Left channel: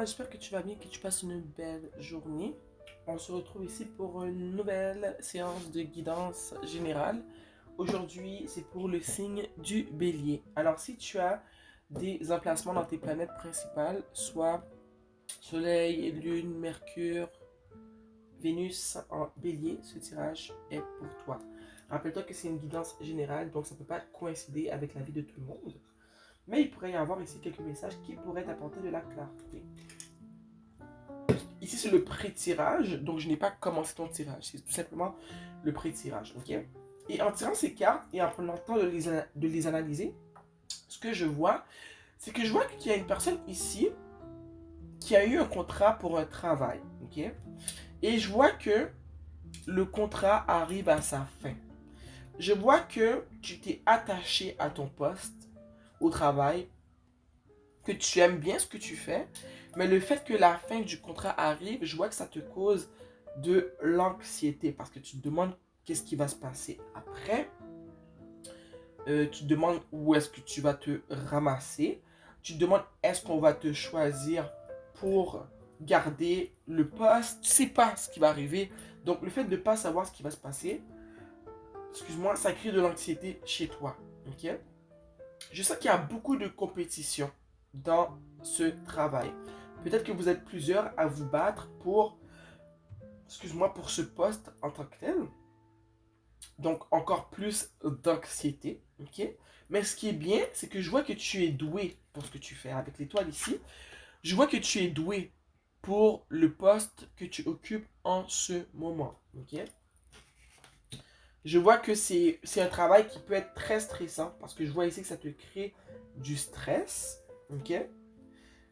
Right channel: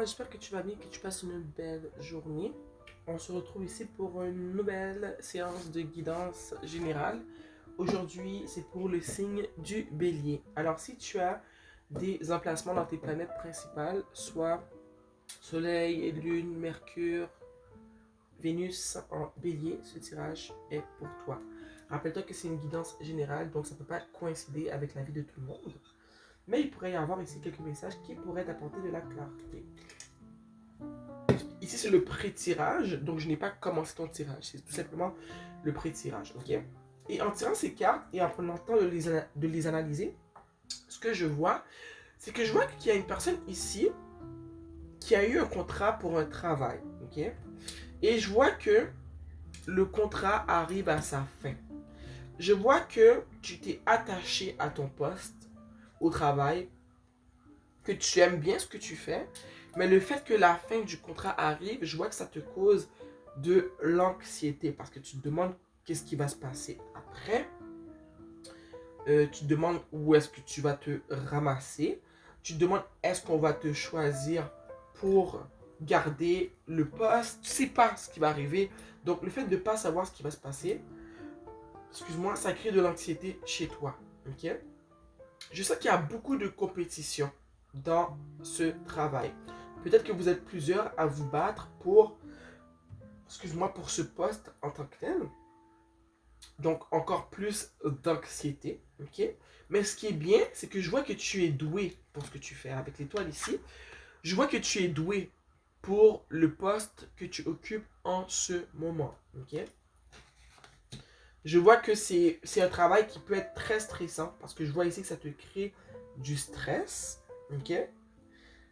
toi? J'espère que tu vas bien, que tu passes une belle journée. On se retrouve ici pour une nouvelle séance de guidance générale. Aujourd'hui, c'est pour le signe du bélier. Alors, si tu as des emplacements dans tes planètes principales, soit Soleil, Lune, Mercure, Vénus en bélier, ce tirage est pour toi. Rappelle-toi que c'est une guidance générale, donc ça ne peut pas coïncider avec la vie de tout le monde. Mais il pourrait y avoir ici quelques messages qui pourraient t'apporter de la clarté. Ici, c'est le pré-tirage, donc je n'ai pas commencé ton tirage. C'est tout simplement le pré-tirage, ok? Et en tirant ces cartes et en prenant le temps de les analyser, ce que je vois, c'est que je vois qu'il y a une personne ici qui a eu un contrat pour un travail, ok? Et je vois que le contrat arrive à sa fin. Je vois que tu t'es attaché à ton poste au travail, que tu aimes bien ce que tu fais, mais le fait que la fin du contrat arrive, je vois que ça te cause de l'anxiété parce que tu te demandes qu'est-ce qui va se passer après. Tu te demandes où est-ce que tu vas te ramasser. Tu te demandes est-ce qu'on va te choisir pour garder le poste. Tu ne sais pas ce qui va arriver. Donc le fait de ne pas savoir ce qui va se passer, excuse-moi, ça crée de l'anxiété chez toi. Ok? Je sais qu'il y a beaucoup de compétition dans ce travail. Peut-être que vous êtes plusieurs à vous battre pour, excuse-moi, pour ce poste en tant que tel. Donc, encore plus d'anxiété, ok? Mais ce qui est bien, c'est que je vois que tu es doué pour ce que tu fais. Avec l'étoile ici, je vois que tu es doué pour le poste que tu occupes en ce moment, ok? Je vois que c'est un travail qui peut être très stressant parce que je vois ici que ça te crée du stress, ok?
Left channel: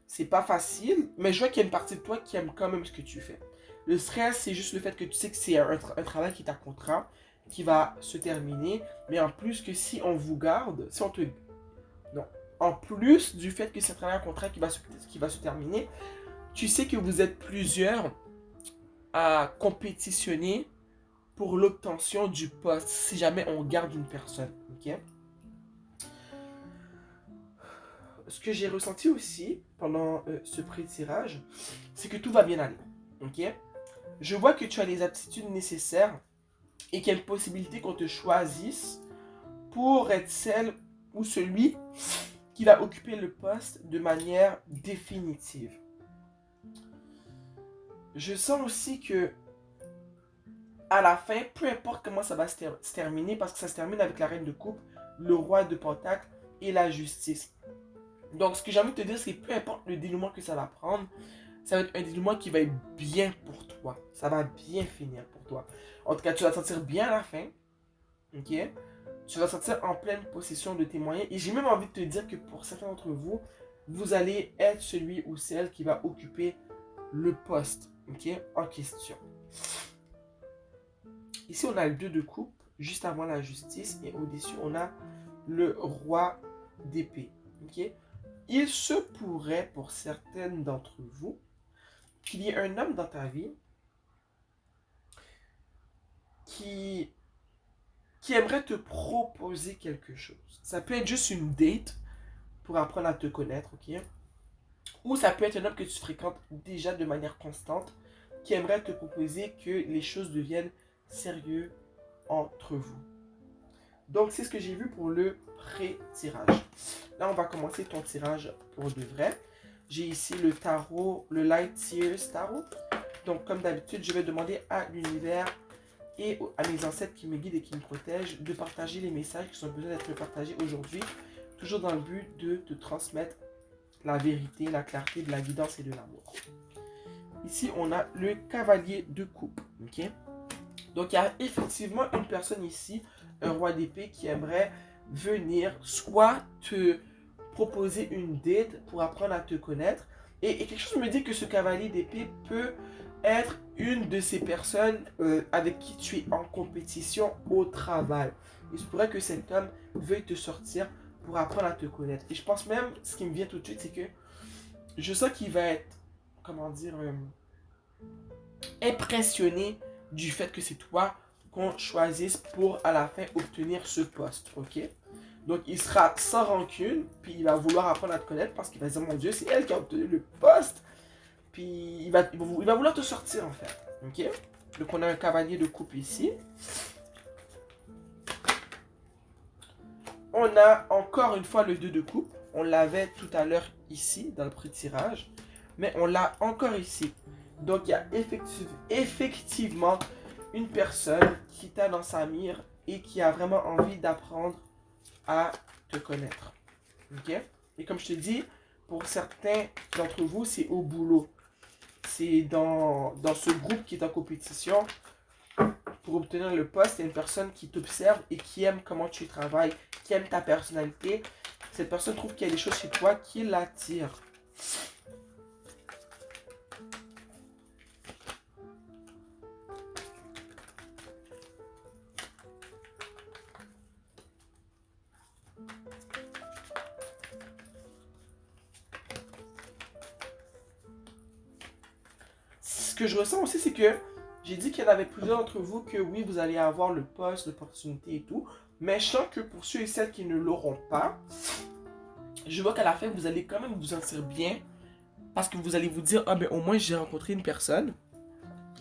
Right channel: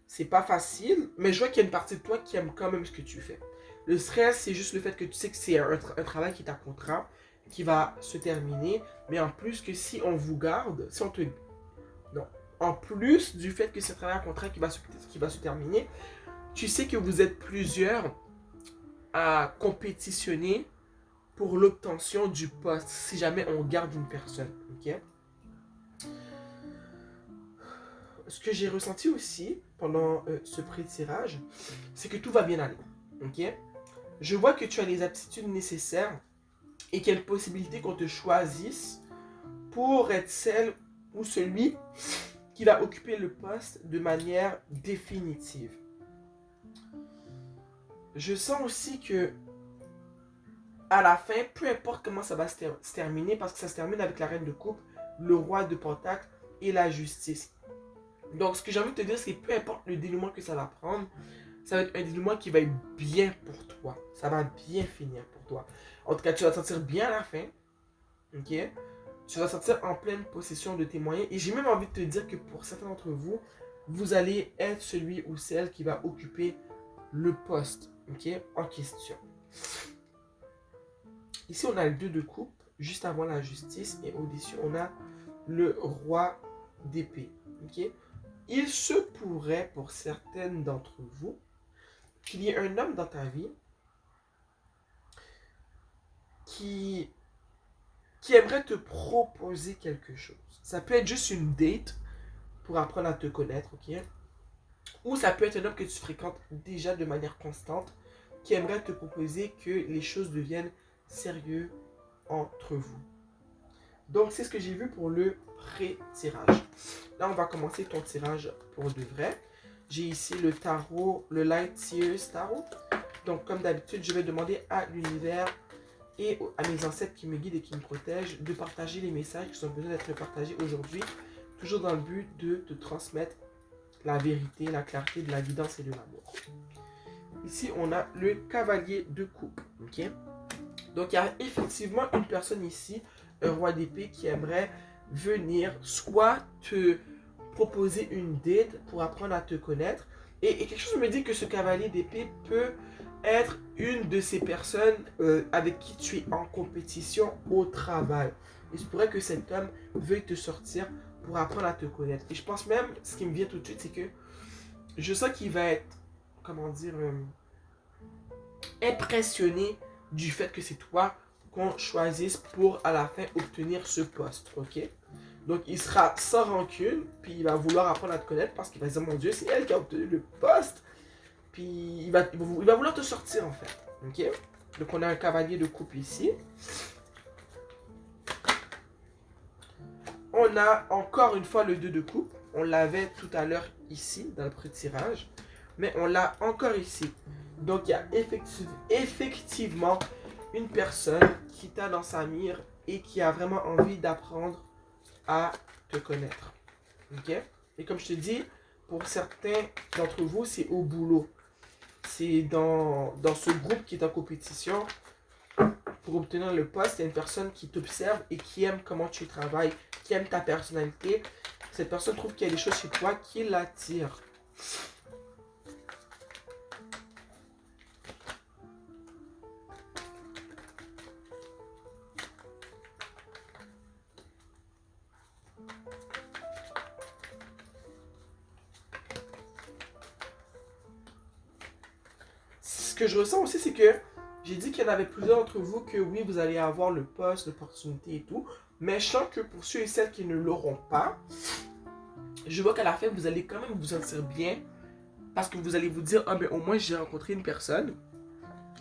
C'est pas facile, mais je vois qu'il y a une partie de toi qui aime quand même ce que tu fais. Le stress, c'est juste le fait que tu sais que c'est un travail qui est à contrat, qui va se terminer, mais en plus que si on vous garde, si on te... Non. En plus du fait que c'est un travail à contrat qui va se terminer, tu sais que vous êtes plusieurs à compétitionner pour l'obtention du poste, si jamais on garde une personne, ok? Ce que j'ai ressenti aussi pendant ce pré-tirage, c'est que tout va bien aller, ok? Je vois que tu as les aptitudes nécessaires et qu'il y a une possibilité qu'on te choisisse pour être celle ou celui qui va occuper le poste de manière définitive. Je sens aussi que à la fin, peu importe comment ça va se terminer, parce que ça se termine avec la reine de coupe, le roi de pentacle et la justice. Donc ce que j'ai envie de te dire, c'est que peu importe le dénouement que ça va prendre, ça va être un dénouement qui va être bien pour toi. Ça va bien finir pour toi. En tout cas, tu vas te sentir bien à la fin. Ok? Tu vas te sentir en pleine possession de tes moyens. Et j'ai même envie de te dire que pour certains d'entre vous, vous allez être celui ou celle qui va occuper le poste, ok, en question. Ici, on a le 2 de coupe, juste avant la justice. Et au-dessus, on a le roi d'épée. Ok? Il se pourrait, pour certaines d'entre vous, qu'il y ait un homme dans ta vie qui, qui aimerait te proposer quelque chose. Ça peut être juste une date pour apprendre à te connaître, ok? Ou ça peut être un homme que tu fréquentes déjà de manière constante qui aimerait te proposer que les choses deviennent sérieuses entre vous. Donc, c'est ce que j'ai vu pour le pré-tirage. Là, on va commencer ton tirage pour de vrai. J'ai ici le tarot, le Light Seers Tarot. Donc, comme d'habitude, je vais demander à l'univers et à mes ancêtres qui me guident et qui me protègent de partager les messages qui sont besoin d'être partagés aujourd'hui, toujours dans le but de te transmettre la vérité, la clarté, de la guidance et de l'amour. Ici, on a le cavalier de coupe. Okay? Donc, il y a effectivement une personne ici, un roi d'épée, qui aimerait venir soit te proposer une date pour apprendre à te connaître. Et quelque chose me dit que ce cavalier d'épée peut être une de ces personnes avec qui tu es en compétition au travail. Il se pourrait que cet homme veuille te sortir pour apprendre à te connaître. Et je pense même, ce qui me vient tout de suite, c'est que je sens qu'il va être, comment dire, impressionné du fait que c'est toi qu'on choisisse pour à la fin obtenir ce poste, ok? Donc il sera sans rancune, puis il va vouloir apprendre à te connaître parce qu'il va se dire, mon Dieu, c'est elle qui a obtenu le poste. puis il va vouloir te sortir en fait. Ok? Donc on a un cavalier de coupe ici. On a encore une fois le 2 de coupe. On l'avait tout à l'heure ici dans le pré-tirage. Mais on l'a encore ici. Donc il y a effectivement une personne qui t'a dans sa mire et qui a vraiment envie d'apprendre à te connaître. Ok? Et comme je te dis, pour certains d'entre vous, c'est au boulot. C'est dans ce groupe qui est en compétition. Pour obtenir le poste, il y a une personne qui t'observe et qui aime comment tu travailles, qui aime ta personnalité. Cette personne trouve qu'il y a des choses chez toi qui l'attirent. Ce que je ressens aussi, c'est que j'ai dit qu'il y en avait plusieurs d'entre vous que oui, vous allez avoir le poste, l'opportunité et tout. Mais je sens que pour ceux et celles qui ne l'auront pas, je vois qu'à la fin, vous allez quand même vous sentir bien. Parce que vous allez vous dire, ah ben au moins j'ai rencontré une personne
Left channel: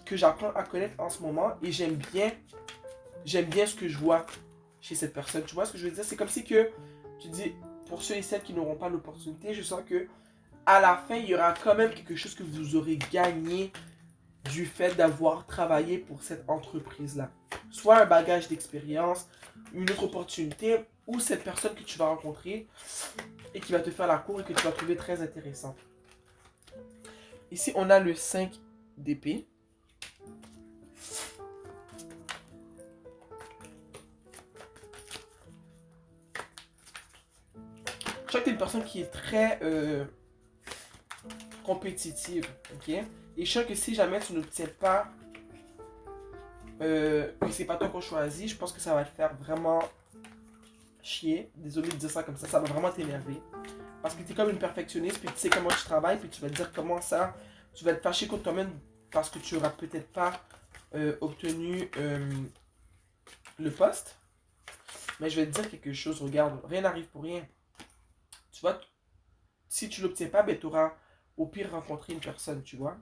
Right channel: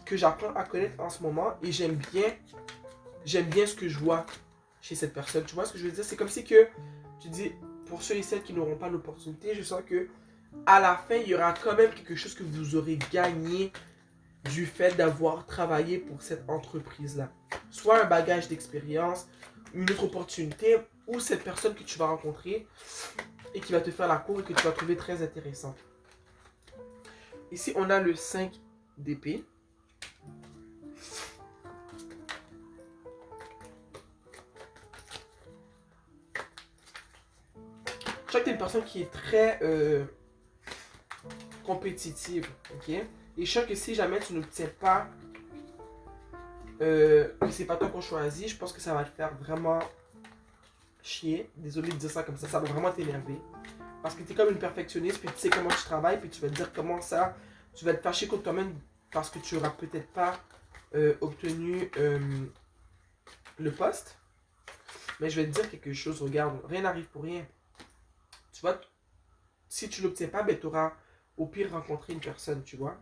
que j'apprends à connaître en ce moment et j'aime bien ce que je vois chez cette personne. Tu vois ce que je veux dire? C'est comme si que tu dis, pour ceux et celles qui n'auront pas l'opportunité, je sens que à la fin, il y aura quand même quelque chose que vous aurez gagné du fait d'avoir travaillé pour cette entreprise-là. Soit un bagage d'expérience, une autre opportunité, ou cette personne que tu vas rencontrer et qui va te faire la cour et que tu vas trouver très intéressante. Ici, on a le 5 d'épée. Je sais que tu es une personne qui est très compétitive, ok? Et je sens que si jamais tu n'obtiens pas, que c'est pas toi qu'on choisit, je pense que ça va te faire vraiment chier. Désolé de dire ça comme ça va vraiment t'énerver. Parce que tu es comme une perfectionniste, puis tu sais comment tu travailles, puis tu vas te dire comment ça, tu vas te fâcher contre toi-même parce que tu n'auras peut-être pas obtenu le poste. Mais je vais te dire quelque chose, regarde, rien n'arrive pour rien. Tu vois, si tu ne l'obtiens pas, ben, tu auras au pire rencontré une personne, tu vois.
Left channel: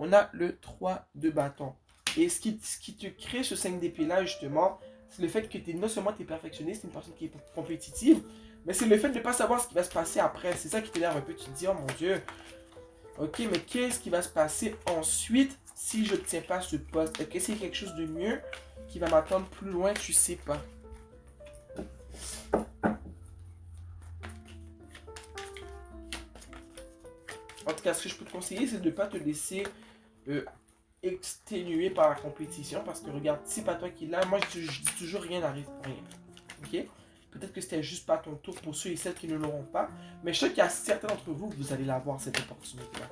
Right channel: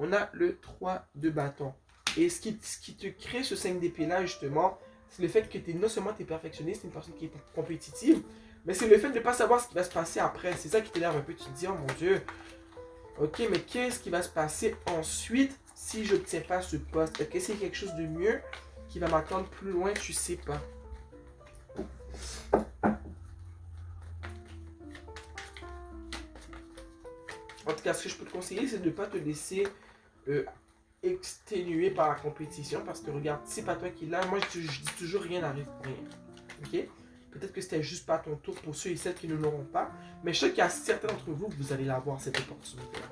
On a le 3 de bâton. Et ce qui te crée ce 5 d'épée là, justement, c'est le fait que tu es non seulement perfectionniste, une personne qui est compétitive, mais c'est le fait de ne pas savoir ce qui va se passer après. C'est ça qui t'énerve un peu. Tu te dis, oh mon Dieu, ok, mais qu'est-ce qui va se passer ensuite si je n'obtiens pas ce poste? Est-ce qu'il y a quelque chose de mieux qui va m'attendre plus loin? Tu sais pas. En tout cas, ce que je peux te conseiller, c'est de ne pas te laisser exténuer par la compétition. Parce que regarde, c'est pas toi qui l'as. Moi, je dis toujours rien n'arrive pour rien. Ok? Peut-être que c'était juste pas ton tour pour ceux et celles qui ne l'auront pas. Mais je sais qu'il y a certains d'entre vous que vous allez l'avoir, cette opportunité-là.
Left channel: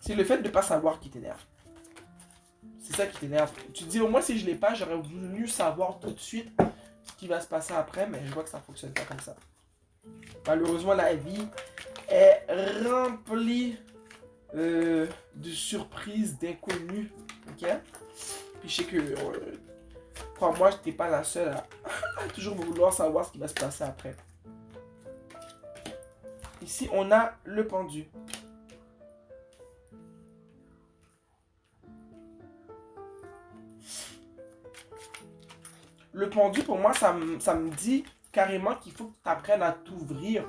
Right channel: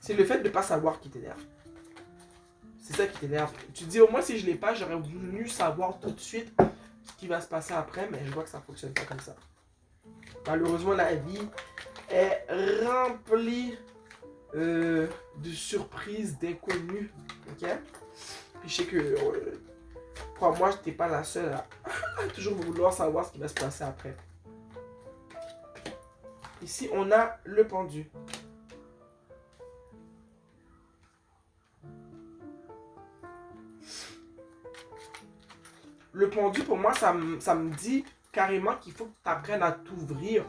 C'est le fait de ne pas savoir qui t'énerve. C'est ça qui t'énerve. Tu te dis, au moins si je ne l'ai pas, j'aurais voulu savoir tout de suite ce qui va se passer après, mais je vois que ça ne fonctionne pas comme ça. Malheureusement, la vie est remplie de surprises, d'inconnus. Ok? Puis je sais que, crois-moi, tu n'es pas la seule à toujours vouloir savoir ce qui va se passer après. Ici, on a le pendu. Le pendu, pour moi, ça me dit carrément qu'il faut que tu apprennes à t'ouvrir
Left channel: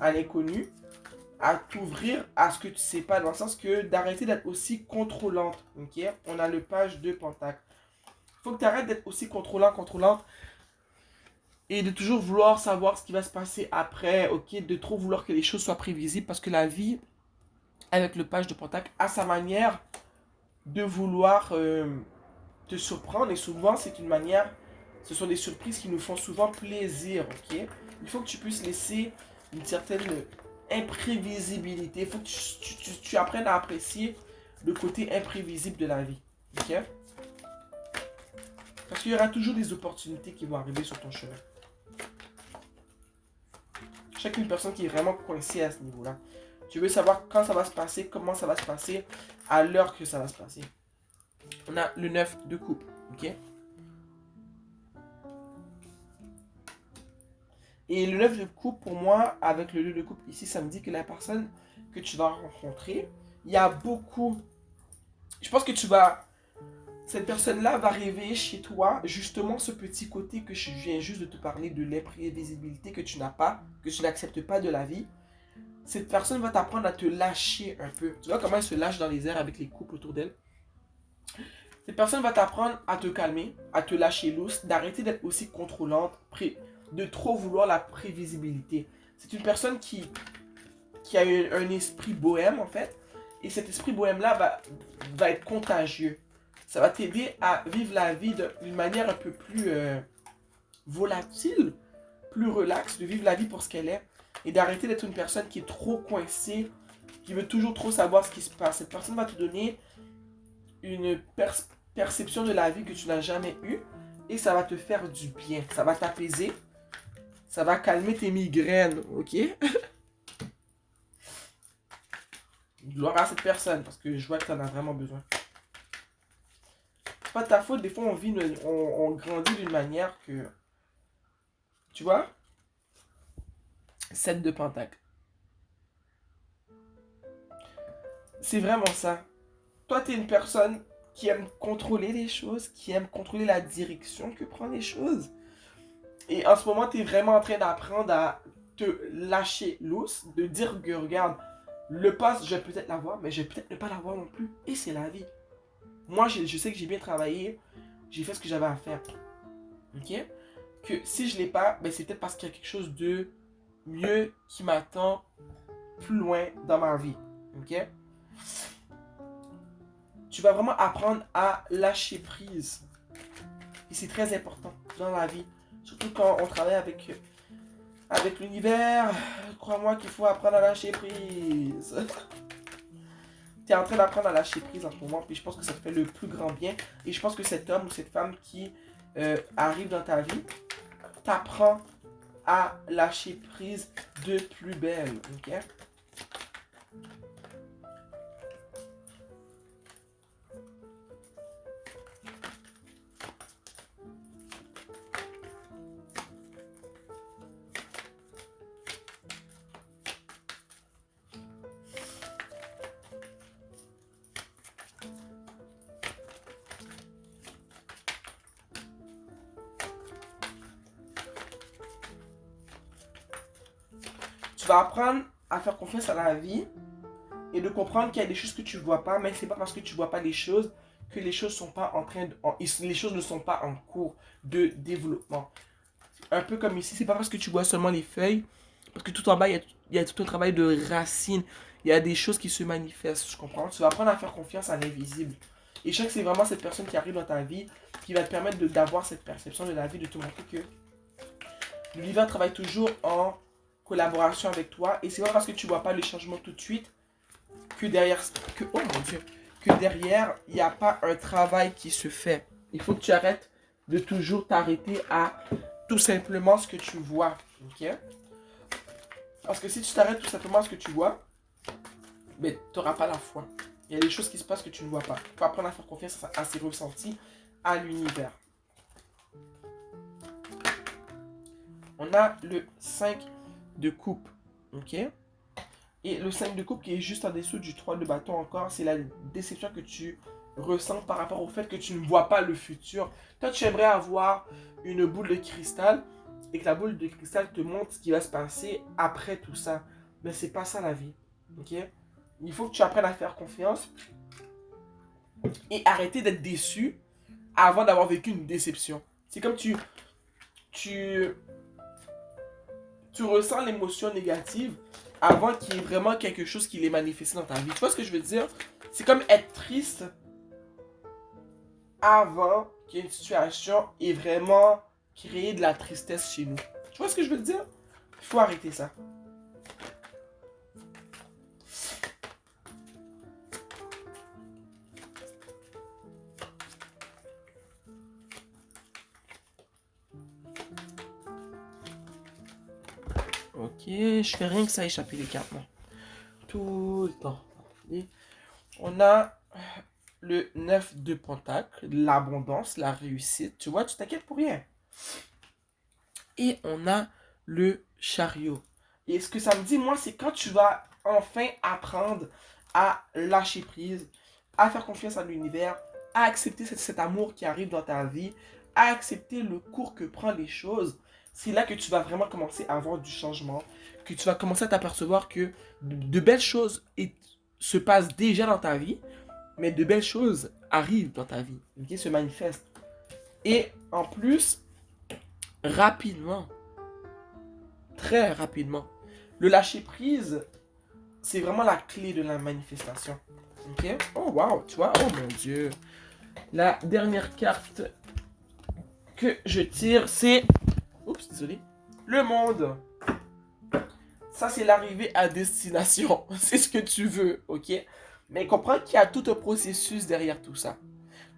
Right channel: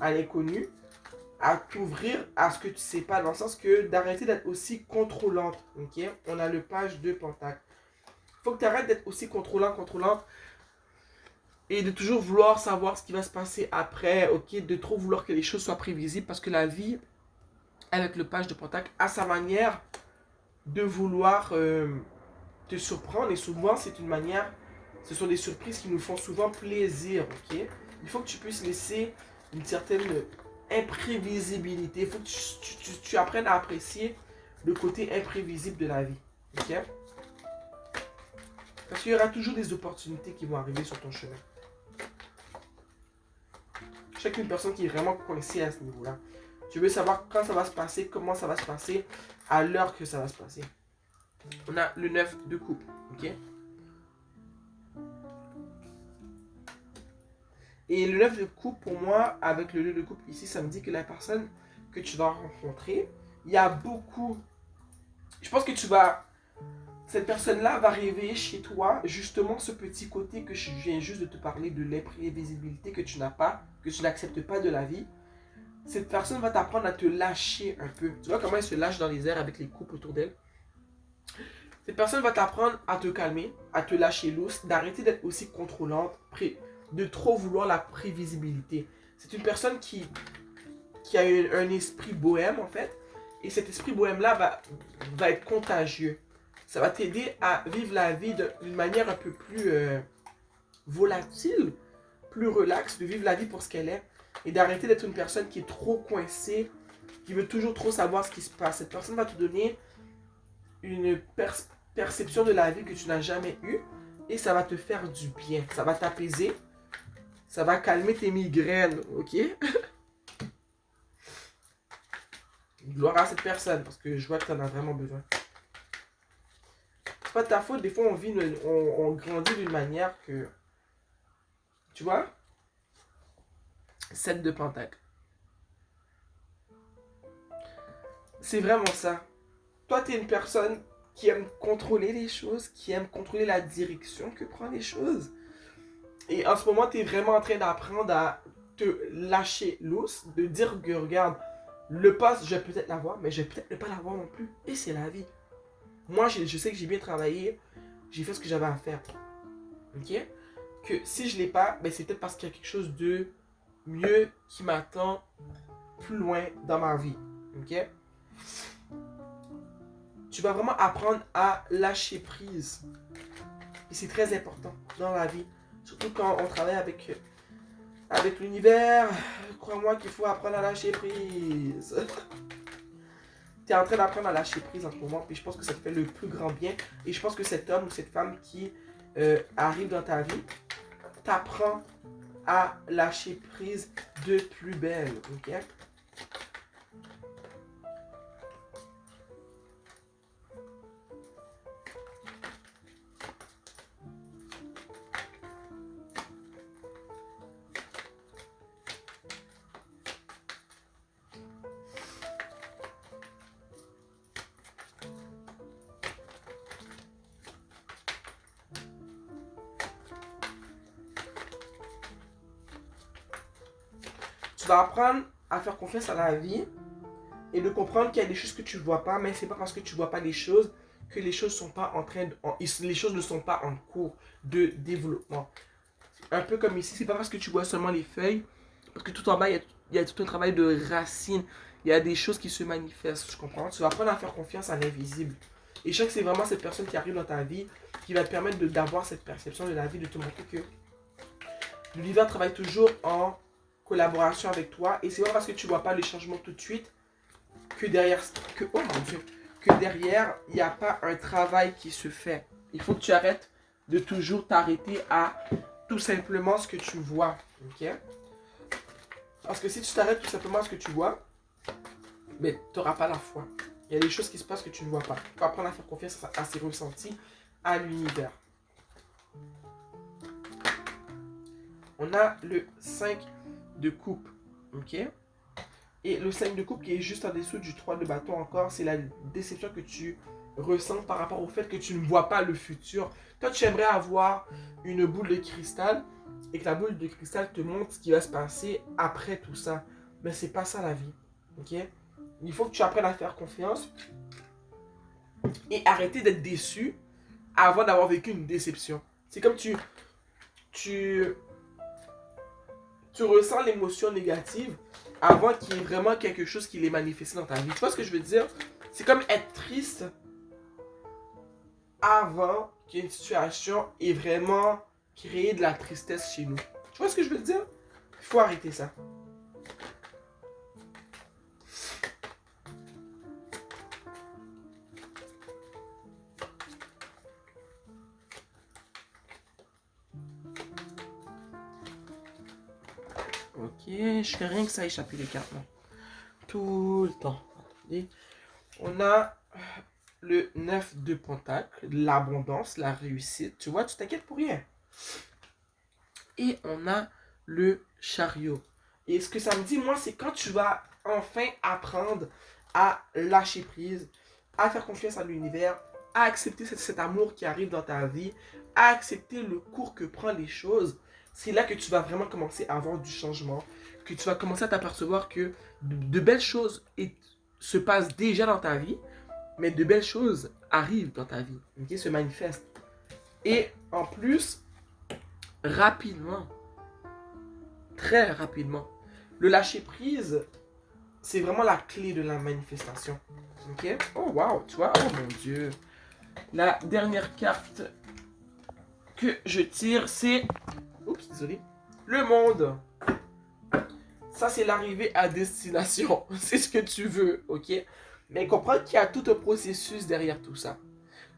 à l'inconnu, à t'ouvrir à ce que tu ne sais pas, dans le sens que d'arrêter d'être aussi contrôlante. Ok? On a le page de Pentacle. Il faut que tu arrêtes d'être aussi contrôlante, et de toujours vouloir savoir ce qui va se passer après, ok? De trop vouloir que les choses soient prévisibles, parce que la vie, avec le page de Pentacle, a sa manière de vouloir te surprendre, et souvent, c'est une manière. Ce sont des surprises qui nous font souvent plaisir, ok? Il faut que tu puisses laisser une certaine imprévisibilité. Il faut que tu apprennes à apprécier le côté imprévisible de la vie, ok? Parce qu'il y aura toujours des opportunités qui vont arriver sur ton chemin. Je sais qu'une personne qui est vraiment coincée à ce niveau-là. Tu veux savoir quand ça va se passer, comment ça va se passer, à l'heure que ça va se passer. On a le 9 de coupe, ok? Et le 9 de coupe, pour moi, avec le 2 de coupe ici, ça me dit que la personne que tu vas rencontrer, il y a beaucoup... Je pense que tu vas... Cette personne-là va réveiller chez toi justement ce petit côté que je viens juste de te parler de l'imprévisibilité que tu n'as pas, que tu n'acceptes pas de la vie. Cette personne va t'apprendre à te lâcher un peu. Tu vois comment elle se lâche dans les airs avec les coupes autour d'elle. Cette personne va t'apprendre à te calmer, à te lâcher loose, d'arrêter d'être aussi contrôlante, de trop vouloir la prévisibilité. C'est une personne qui a un esprit bohème en fait. Et cet esprit bohème-là va être contagieux. Ça va t'aider à vivre la vie d'une manière un peu plus volatile, plus relaxe, de vivre la vie pour ce qu'elle est. Et d'arrêter d'être une personne qui est trop coincée, qui veut toujours trop savoir ce qui se passe. Cette personne va te donner une perception de la vie que tu n'as jamais eue. Et ça va te faire du bien. Ça va t'apaiser. Ça va calmer tes migraines, ok? Gloire à cette personne, parce que je vois que tu en as vraiment besoin. C'est pas ta faute, des fois on grandit d'une manière que... Tu vois? 7 de pentacle. C'est vraiment ça. Toi, tu es une personne qui aime contrôler les choses, qui aime contrôler la direction que prend les choses. Et en ce moment, tu es vraiment en train d'apprendre à te lâcher loose, de dire que regarde, le poste, je vais peut-être l'avoir, mais je vais peut-être ne pas l'avoir non plus. Et c'est la vie. Moi, je sais que j'ai bien travaillé, j'ai fait ce que j'avais à faire. Ok? Que si je ne l'ai pas, ben c'est peut-être parce qu'il y a quelque chose de mieux qui m'attend plus loin dans ma vie. Ok? Tu vas vraiment apprendre à lâcher prise. Et c'est très important dans la vie. Surtout quand on travaille avec l'univers. Crois-moi qu'il faut apprendre à lâcher prise. Tu es en train d'apprendre à lâcher prise en ce moment. Puis je pense que ça te fait le plus grand bien. Et je pense que cet homme ou cette femme qui arrive dans ta vie t'apprend à lâcher prise de plus belle. Ok? Tu vas apprendre à faire confiance à la vie et de comprendre qu'il y a des choses que tu ne vois pas, mais c'est pas parce que tu ne vois pas les choses que les choses sont pas en train de, les choses ne sont pas en cours de développement. Un peu comme ici, c'est pas parce que tu vois seulement les feuilles, parce que tout en bas, il y a tout un travail de racines, il y a des choses qui se manifestent, tu comprends? Tu vas apprendre à faire confiance à l'invisible. Et je sais que c'est vraiment cette personne qui arrive dans ta vie qui va te permettre d'avoir cette perception de la vie, de te montrer que l'univers travaille toujours en collaboration avec toi. Et c'est pas parce que tu vois pas le changement tout de suite que derrière, oh mon Dieu, que derrière, il n'y a pas un travail qui se fait. Il faut que tu arrêtes de toujours t'arrêter à tout simplement ce que tu vois. Ok? Parce que si tu t'arrêtes tout simplement à ce que tu vois, mais tu n'auras pas la foi. Il y a des choses qui se passent que tu ne vois pas. Il faut apprendre à faire confiance à ses ressentis, à l'univers. On a le 5 de coupe. Ok? Et le 5 de coupe qui est juste en dessous du 3 de bâton encore, c'est la déception que tu ressens par rapport au fait que tu ne vois pas le futur. Toi, tu aimerais avoir une boule de cristal et que la boule de cristal te montre ce qui va se passer après tout ça. Mais c'est pas ça la vie. Ok? Il faut que tu apprennes à faire confiance et arrêter d'être déçu avant d'avoir vécu une déception. C'est comme tu, tu ressens l'émotion négative avant qu'il y ait vraiment quelque chose qui l'ait manifesté dans ta vie. Tu vois ce que je veux dire? C'est comme être triste avant qu'une situation ait vraiment créé de la tristesse chez nous. Tu vois ce que je veux dire? Il faut arrêter ça. Ok, je fais rien que ça échapper les cartes. Non. Tout le temps. Attendez. On a le 9 de pentacle, l'abondance, la réussite. Tu vois, tu t'inquiètes pour rien. Et on a le chariot. Et ce que ça me dit, moi, c'est quand tu vas enfin apprendre à lâcher prise, à faire confiance à l'univers, à accepter cet amour qui arrive dans ta vie, à accepter le cours que prennent les choses, c'est là que tu vas vraiment commencer à avoir du changement, que tu vas commencer à t'apercevoir que de belles choses se passent déjà dans ta vie, mais de belles choses arrivent dans ta vie, qui se manifestent. Et en plus, rapidement, très rapidement, le lâcher prise, c'est vraiment la clé de la manifestation. Ok? Oh wow, tu vois, oh mon Dieu. La dernière carte que je tire, c'est... Oups, désolé. Le monde. Ça, c'est l'arrivée à destination. C'est ce que tu veux, ok? Mais comprends qu'il y a tout un processus derrière tout ça.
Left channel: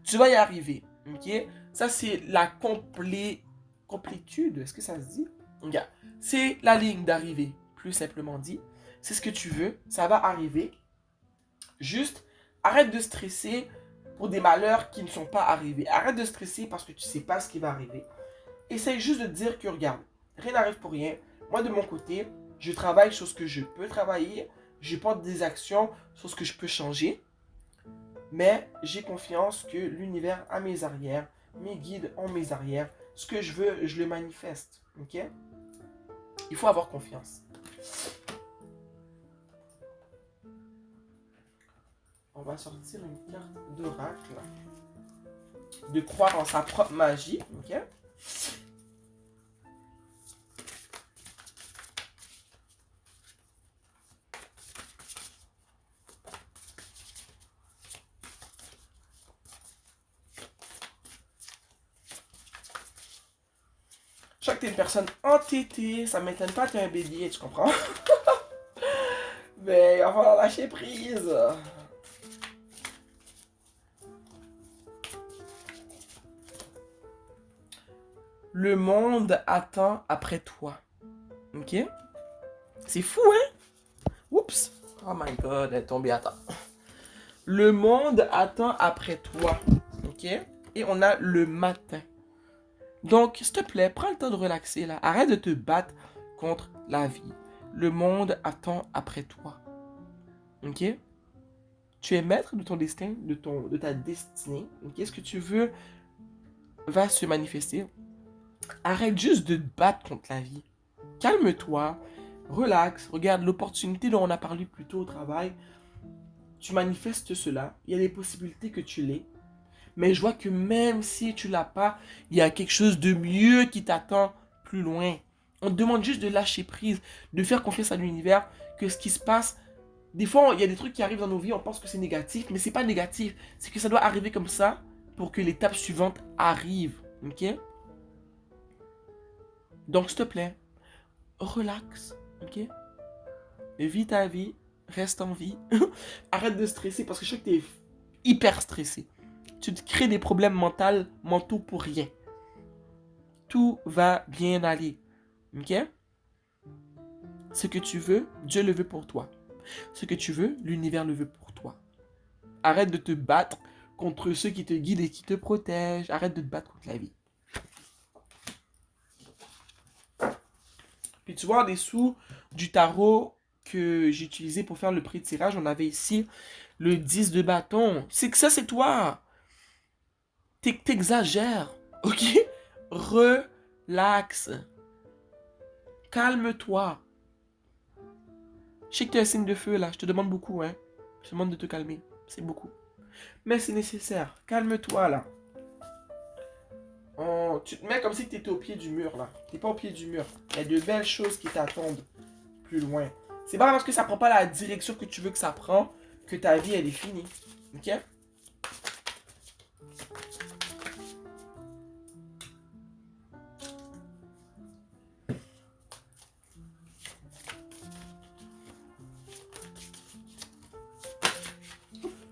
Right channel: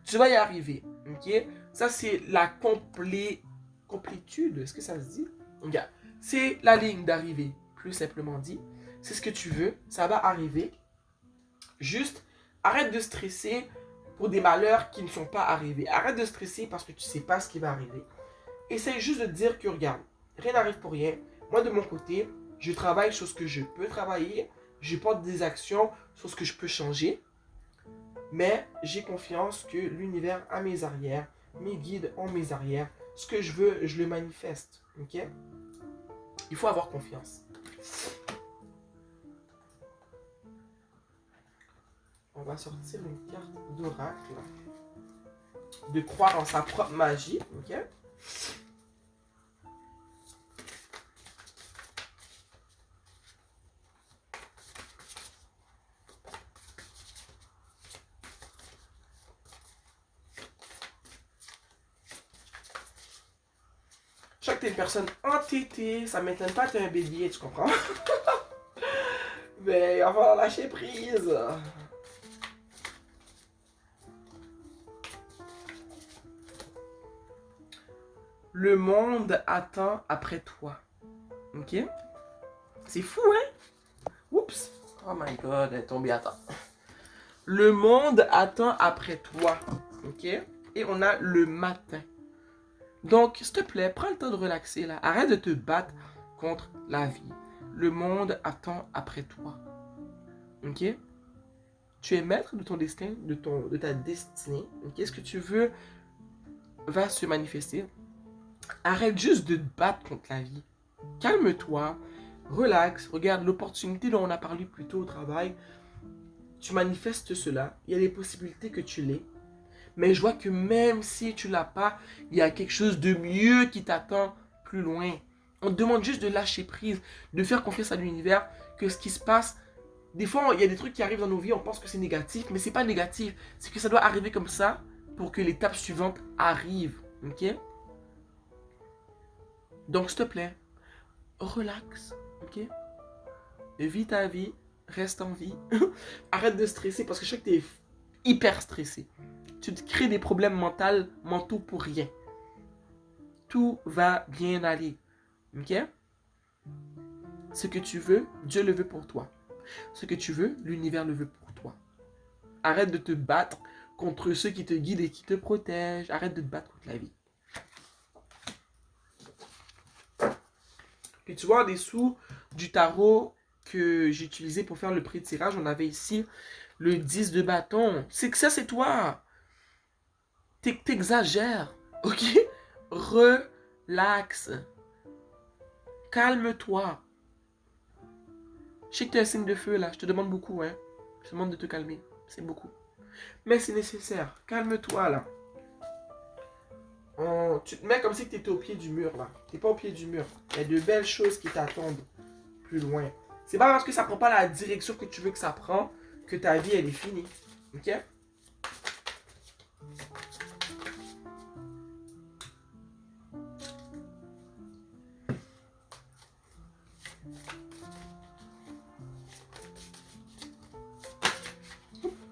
Tu vas y arriver, ok? Ça, c'est la complétude. Est-ce que ça se dit? Regarde. C'est la ligne d'arrivée, plus simplement dit. C'est ce que tu veux, ça va arriver. Juste, arrête de stresser pour des malheurs qui ne sont pas arrivés. Arrête de stresser parce que tu ne sais pas ce qui va arriver. Essaye juste de te dire que, regarde, rien n'arrive pour rien. Moi, de mon côté, je travaille sur ce que je peux travailler. Je porte des actions sur ce que je peux changer. Mais j'ai confiance que l'univers a mes arrières, mes guides ont mes arrières. Ce que je veux, je le manifeste. Ok? Il faut avoir confiance. On va sortir une carte d'oracle. De croire en sa propre magie. Ok? Je sais que t'es une personne entêtée, ça m'étonne pas que t'es un bélier, tu comprends? Mais il va falloir lâcher prise. Le monde attend après toi. Ok? C'est fou, hein? Oups. Oh my god, elle est tombée à temps. Le monde attend après toi. Ok? Et on a le matin. Donc, s'il te plaît, prends le temps de relaxer là. Arrête de te battre contre la vie. Le monde attend après toi. Ok? Tu es maître de ton destin, de ta destinée. Ok? Ce que tu veux va se manifester. Arrête juste de te battre contre la vie. Calme-toi, relax, regarde l'opportunité dont on a parlé plus tôt au travail. Tu manifestes cela. Il y a des possibilités que tu l'aies. Mais je vois que même si tu l'as pas, il y a quelque chose de mieux qui t'attend plus loin. On te demande juste de lâcher prise, de faire confiance à l'univers, que ce qui se passe. Des fois, il y a des trucs qui arrivent dans nos vies, on pense que c'est négatif, mais c'est pas négatif. C'est que ça doit arriver comme ça pour que l'étape suivante arrive. Ok? Donc, s'il te plaît, relax. Ok? Vis ta vie, reste en vie. Arrête de stresser parce que je sais que tu es hyper stressé. Tu te crées des problèmes mentaux pour rien. Tout va bien aller. Ok? Ce que tu veux, Dieu le veut pour toi. Ce que tu veux, l'univers le veut pour toi. Arrête de te battre contre ceux qui te guident et qui te protègent. Arrête de te battre contre la vie. Puis tu vois, en dessous du tarot que j'ai utilisé pour faire le pré-tirage, on avait ici le 10 de bâton. C'est que ça, c'est toi. T'exagères. Ok? Relax. Calme-toi. Je sais que tu es un signe de feu là. Je te demande beaucoup, hein. Je te demande de te calmer. C'est beaucoup. Mais c'est nécessaire. Calme-toi là. Tu te mets comme si tu étais au pied du mur là. Tu n'es pas au pied du mur. Il y a de belles choses qui t'attendent plus loin. C'est pas parce que ça prend pas la direction que tu veux que ça prend que ta vie elle est finie. Ok?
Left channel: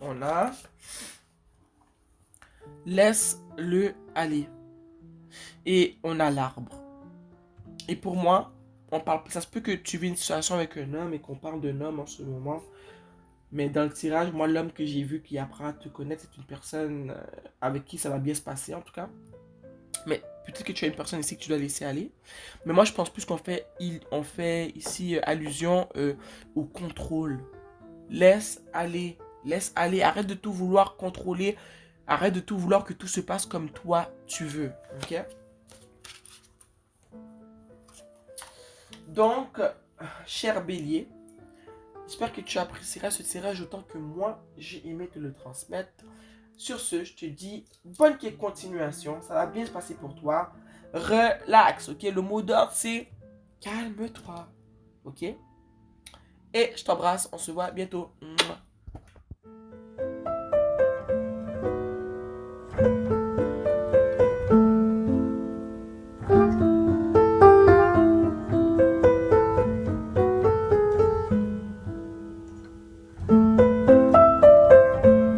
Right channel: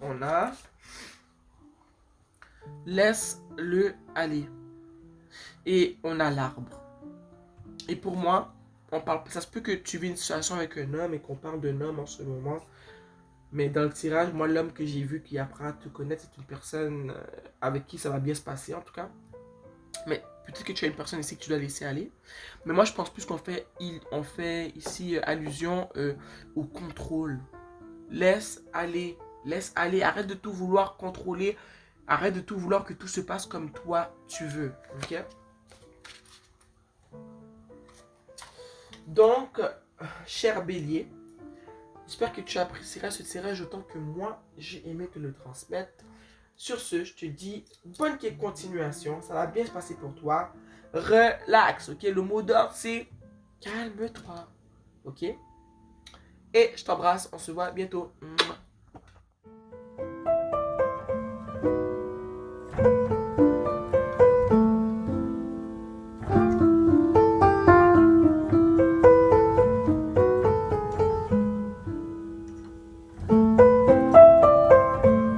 On a laisse-le aller. Et on a l'arbre. Et pour moi, on parle, ça se peut que tu vis une situation avec un homme et qu'on parle d'un homme en ce moment. Mais dans le tirage, moi, l'homme que j'ai vu qui apprend à te connaître, c'est une personne avec qui ça va bien se passer, en tout cas. Mais peut-être que tu as une personne ici que tu dois laisser aller. Mais moi, je pense plus on fait ici allusion au contrôle. Laisse aller, arrête de tout vouloir contrôler, arrête de tout vouloir que tout se passe comme toi tu veux, ok? Donc, cher bélier, j'espère que tu apprécieras ce tirage autant que moi, j'ai aimé te le transmettre. Sur ce, je te dis bonne continuation, ça va bien se passer pour toi. Relax, ok? Le mot d'ordre, c'est calme-toi, ok? Et je t'embrasse, on se voit bientôt. Mouah.